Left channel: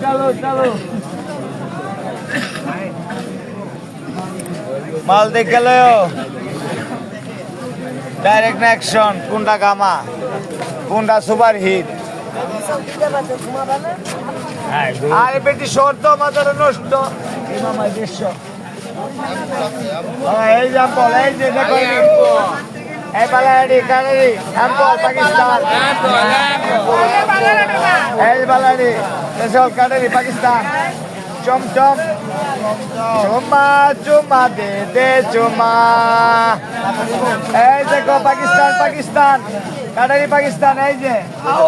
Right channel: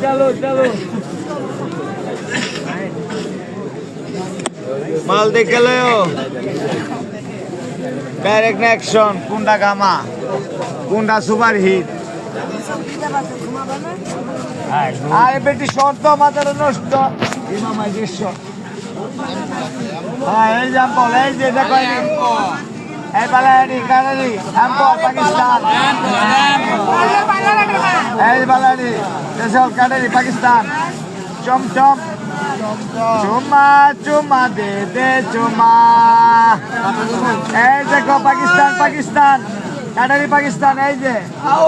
चलो चलो माल देख लो डायरेक्ट एक्शन कुंडा गामा कुंडा सुपर हिट আরে বেটি শর্ত মাথার নষ্ট মামা দৃশ্য এই জাম্পল এই যে দেখো এই বালাড়ি কানাডি জাম্পল পাকিস্তান এই বালাড়ি দেশল কানাডি পাকিস্তান চমচম চুমা চুমা দে দে চুমা এই দেখো পাকিস্তান পাকিস্তান কানাডি পাকিস্তান এই যে আও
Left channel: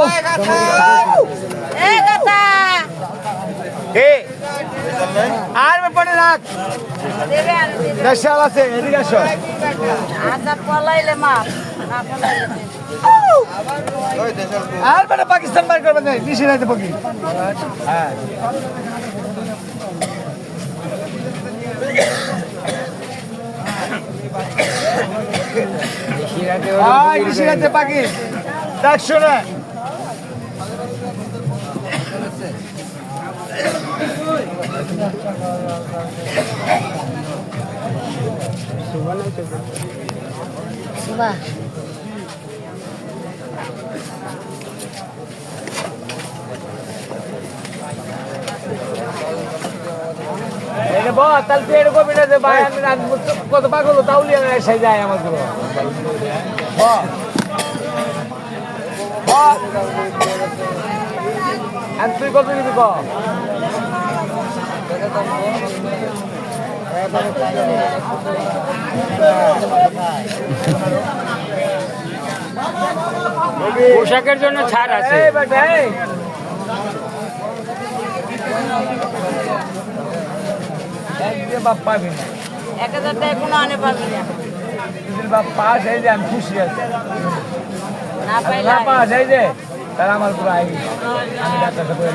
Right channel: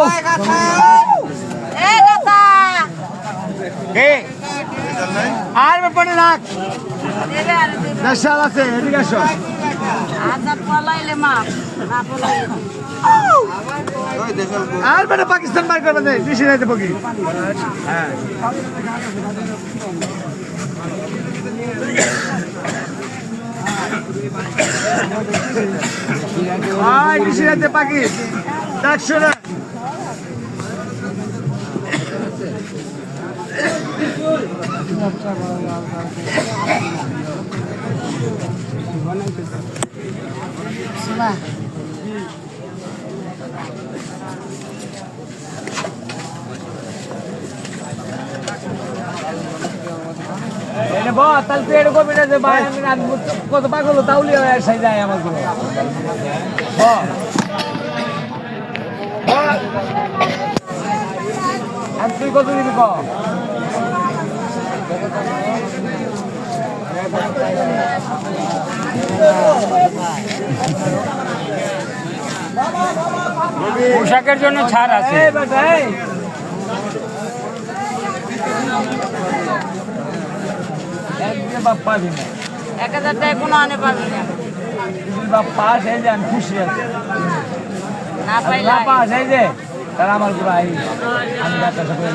আর পানি রাখ নেশাল আছে এদিকে আসো আর মানে পাকিস্তান বার করবে না নিশি নাইতে পকি হ্যাঁ নিশি নাইতে পাকি দেখ শুনে তাহলে পেড় কমে না ভাই আমি কত পাগল তাহলে এসে যায় আমার তুই কত দিবি ক পোশাকের জন্য ছাড় আছে বাপ্পা 1000 টাকা কোনো আনে পারবি না বাপ্পা সেই যে আমি খুশি আছি না পাস এই যে তারা আমার পুরো আই আমি ডাক্তারটা করে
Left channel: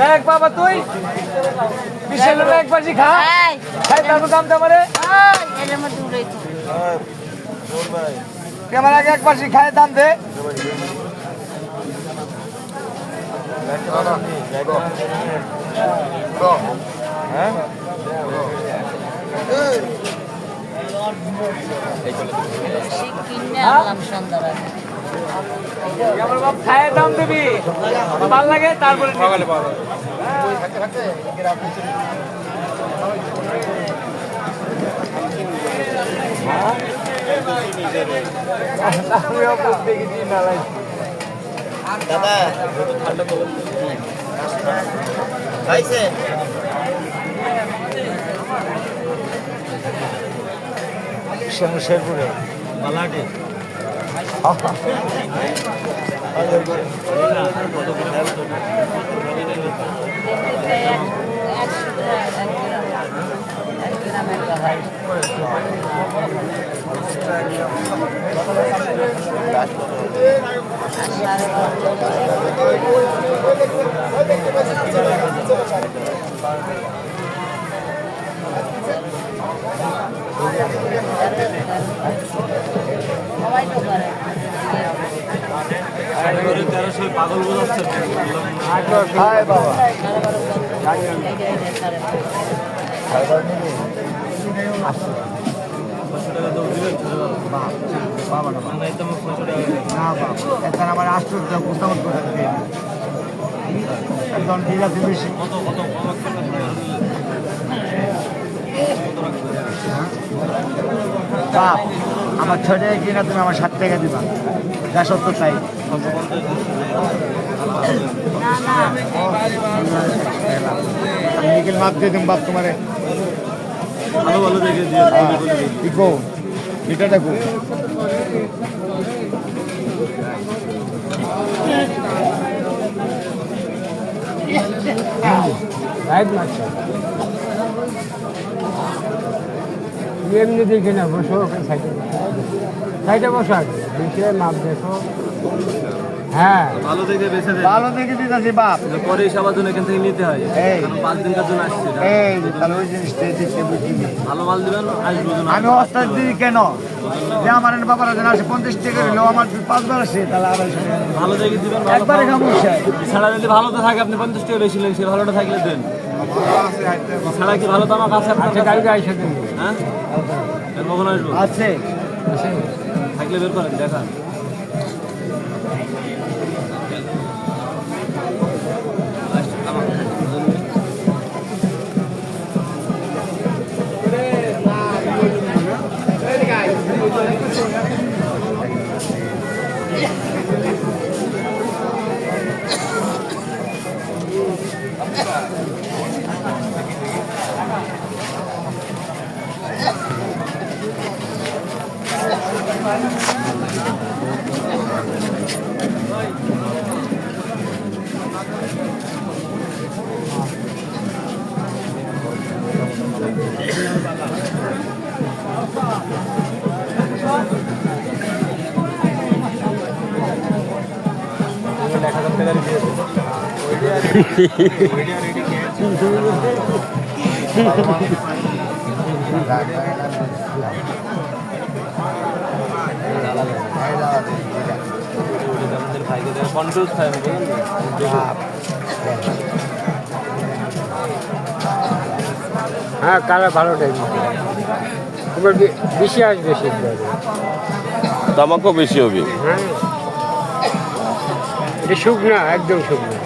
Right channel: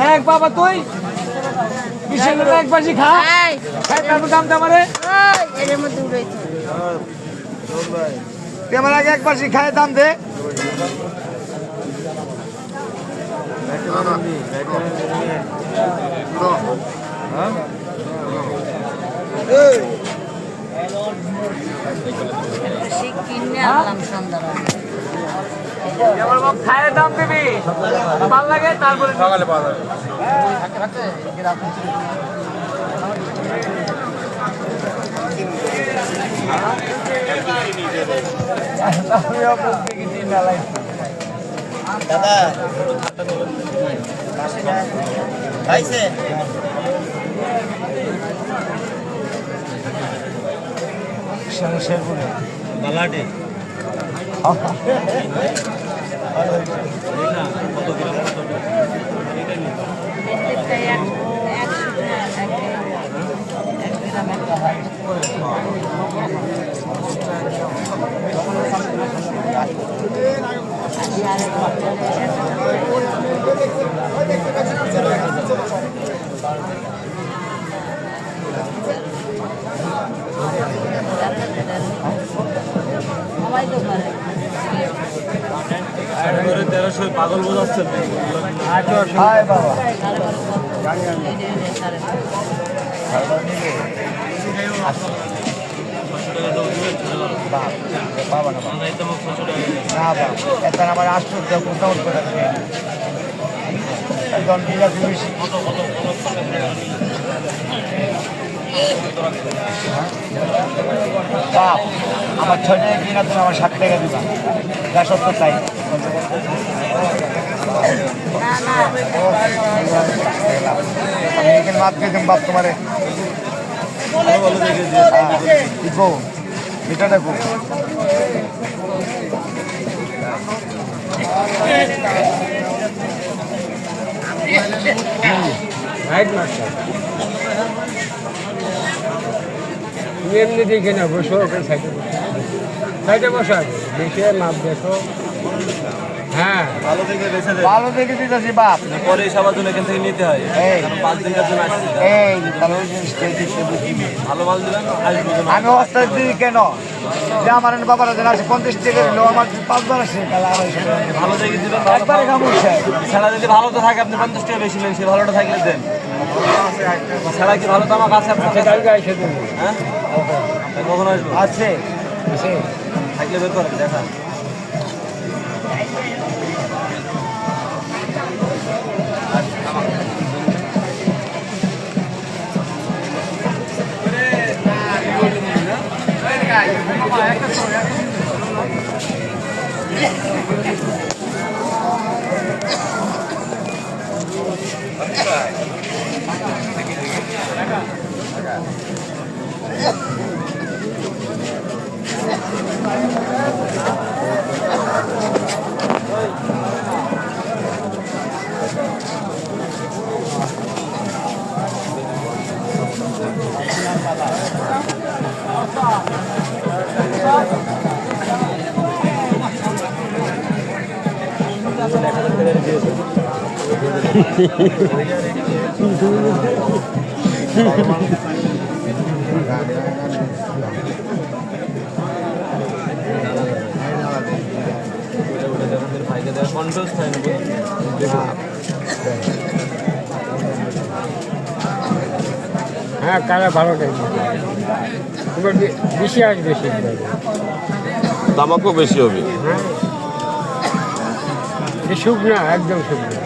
দেখ বাবা তুই কিসের একবার খা খাই তারপর দাম দে আমারে তুই আমার আগে একবার খায় দাম দে খায় দাম দিবি ভাল লাগে তারপরে সকালে পাওয়া যাবে দাদা খাইছে সমস্যায় পড়ে বালাটে পাগল বোঝাচ্ছে বাবা আমার আশ্চর্য মোটামুট করে একদম দিলা পুলিশ আমার 6 টাকা কিনা তুমি আমার 7 টাকা দিবা যা সত্য তাই আমি এখানে মাপ দিয়ে দেব বাপ তোমারে ভালো ভালো দেখে দিকো মিটাটা কো এমনি দেখে না বসে সাইডে বসা দেখে মাপ দেখো হ্যাঁ ভালো দেখে দিতেছি বাপ পরে সবার জন্য এখান থেকে নিতে হয় এই 5 দিনের জন্য এই তাহলে ওই জিনিসটা দেখতে বুঝি ভালো মাল দিবেন আমি অস্তাদ দিই কেন যে আমার বাবারা যেন আসে 50 টাকা হলেও আমার 5 বার আসে তাহলে 250 ভালো দেখে দিবেন একবারে খামোশা ছাড়া যদি ভালো তো থাকে আপনি 50 টাকা বেশি নেন সে ভালোটা থাকলে দেন ছাড়া কি ভালো তো আমার কাছে আপনার কাছে গাড়ি গাড়ি সাথে হ্যাঁ কখন আসবো আছে থাকলে বের করেন দেখা হ্যাঁ কালা ভালোটাই এবার বেশি আসবে শীতকালে দামাকও বেশি হবে। হ্যাঁ এটা শুকনা একদম শুকনা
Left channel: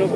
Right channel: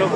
লোক